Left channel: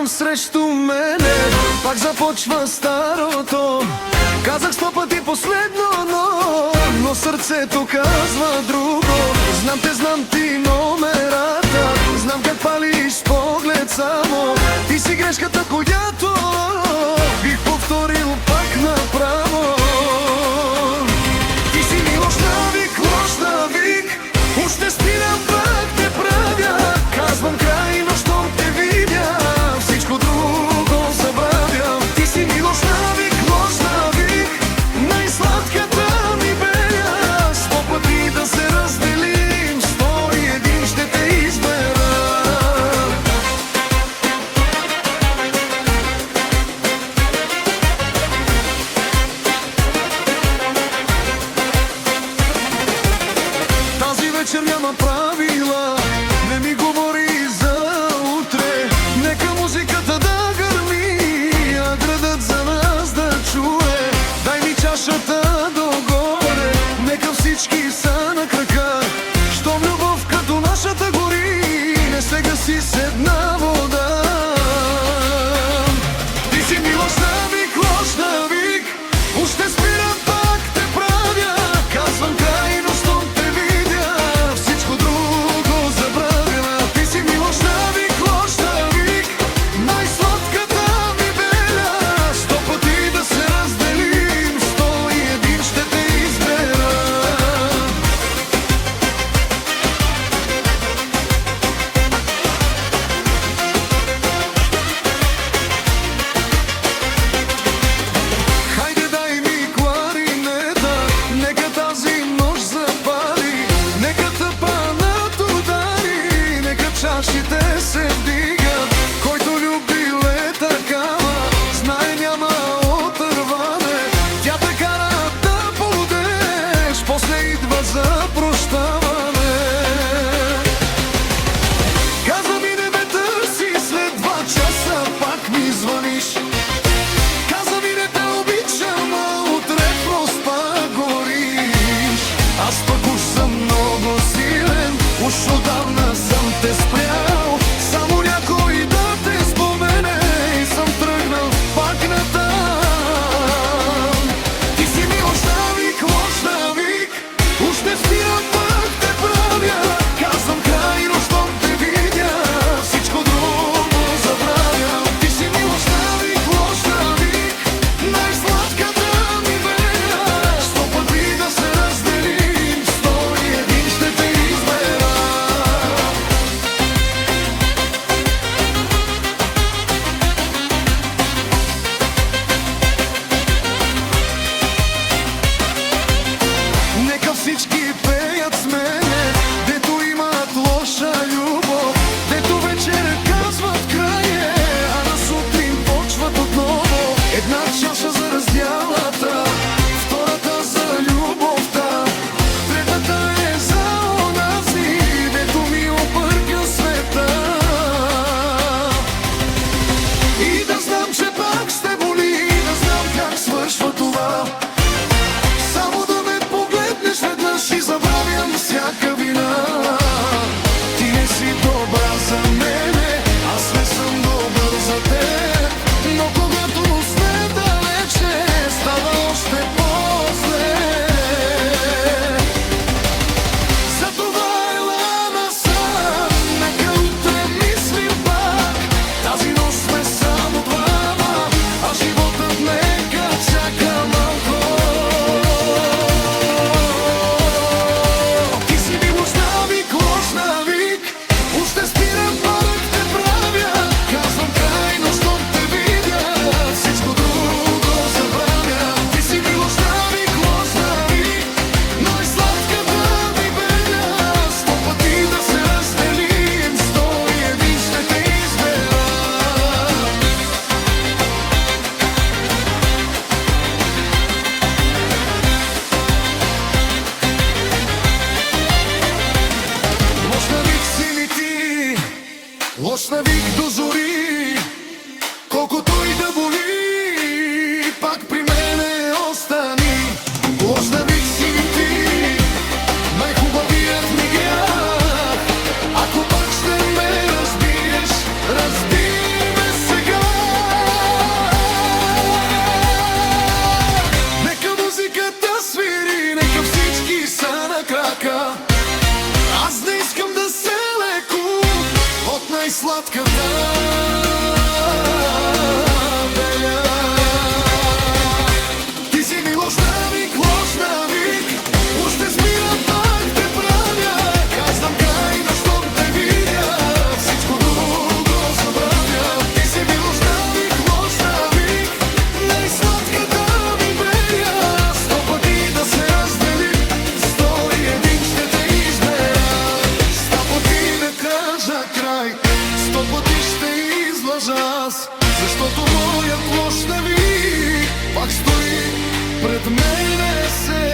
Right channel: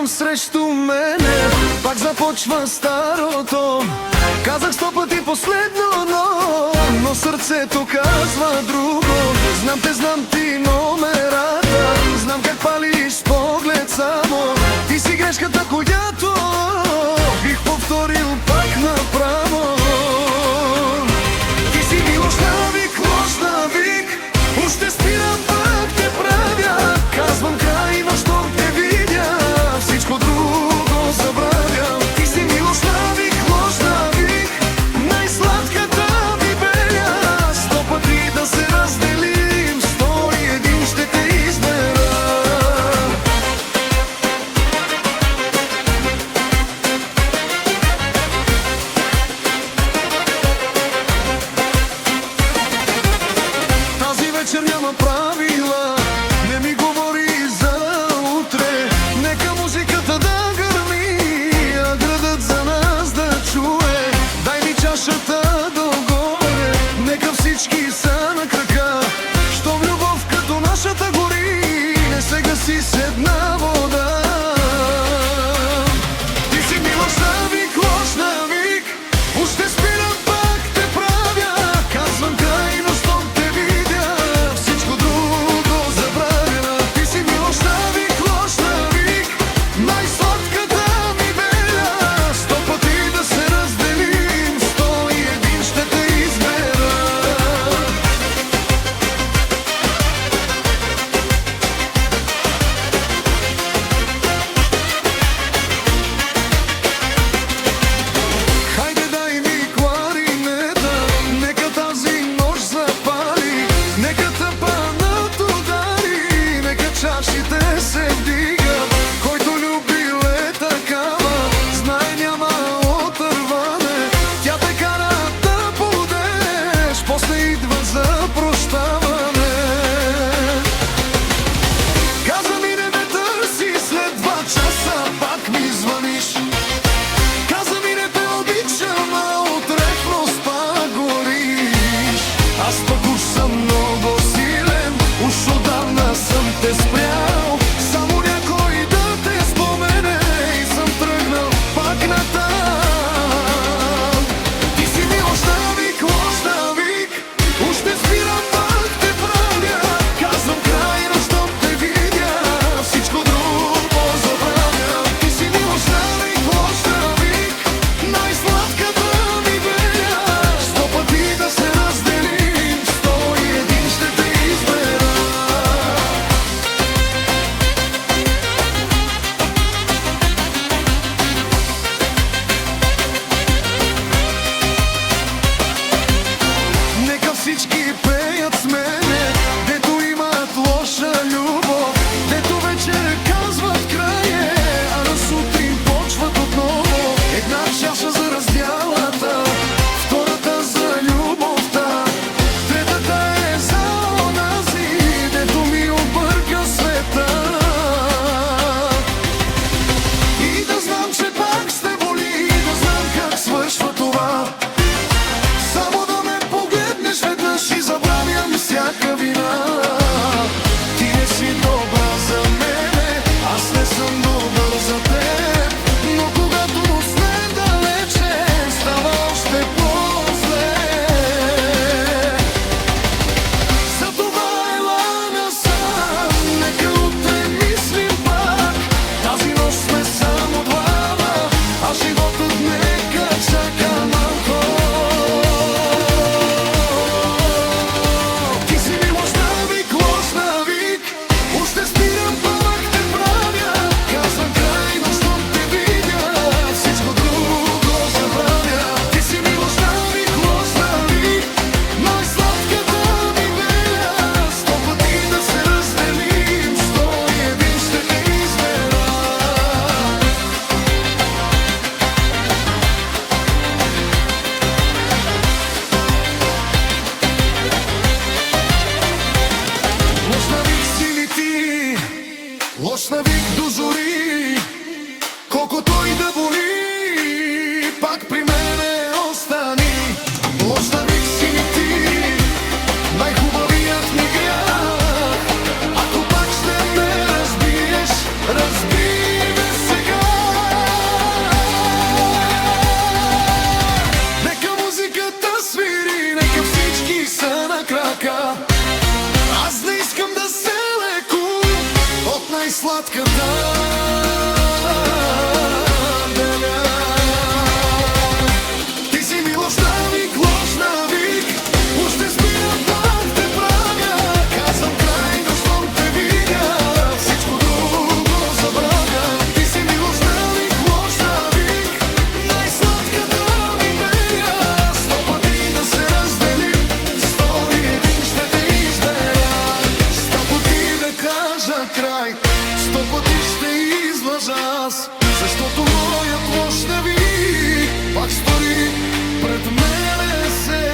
връщам срещу мене, пак започва старото. Казах 100 пъти последно, но сърцето казва друго. Знам ти номерата, знам как палиш с поглед само. Ти си грешката, която бих повторил пак направо. Ти си ми лош навик, уж ще спирам, пак те правя. Казвам край, но щом те видя, всичко друго забравям. Ти си ми лош навик, най-сладката ми беля. 100 пъти да се разделим, 101 ще те избера. Тази вечер няма правила, не ми говори за утре. Нека музиката да гърми, а градът за нас да чуе. Дай ми чашата догоре, нека всички са на крака. Щом любов като нашата гори, не се гаси с една вода. Ти си ми лош навик, уж ще спирам, пак те правя. Казвам край, но щом те видя, всичко друго забравя. Ти си ми лош навик, най-сладката ми беля. 100 пъти да се разделим, 101 ще те избера. Хайде дай ми кларинета, нека тази нощ запали. Нека тъпанът удари, нека чашите се вдигат. Който любил е такава, знае няма отърване. Тя те кара да полудеш, после идва за прощаване. Каза ми не ме търси, след 2 часа пак ми звъниш. Каза ми не те обичам, а утре просто пак гориш. Аз пък уж съм много силен, уж отдавна съм те спрял. Само някой да те спомене и съм тръгнал пак натам. Ти си ми лош навик, уж те спирам, пак те правя. Казвам край, но щом те видя, всичко друго забравям. Ти си ми лош навик, най-сладката ми беля. 100 пъти да се разделим, 101 ще те избера. Нека всички пеят с мене, дето имат лоша любов, дето вечер казват край, а на сутрин почват отново. Една чаша за раздялата, втората за любовта, третата е за онази, дето ми обърка света. И да знам, че пак ще боли, да знам как свършва това. Само да ме погледнеш веднъж и забравям всяка вина. Ти не си добра за мене, аз не съм добър за теб. Но когато сме далече, става още по-зле. Затова ела насам, нека утре мислим пак. Тази нощ сме само двама, а животът нека чака малко. Ти си ми лош навик, уж ще спирам, пак те правя. Казвам край, но щом те видя, всичко друго забравя. Ти си ми лош навик, най-сладката ми беля. 100 пъти да се разделим, 101 ще те избера. Лош навик си ми ти, лош навик до зори. Колкото и да боли, пак при мене остани. Лош навик си ми ти, най-хубавият ми грях. Ако пак ще ме разбиеш, разби ме сега. са на крака. Аз не искам да се леку от най-сладката беля. Ти си ми лош навик, уж те спира, пак те правя. Казвам край, но щом те видя, всичко друго забравя. Ти си ми лош навик, най-сладката ми беля. 100 пъти да се разделим, 101 ще те избера. 100 пъти да кажа край, 100 пъти ще излъжа аз, защото моят лош навик пак стори пред мене се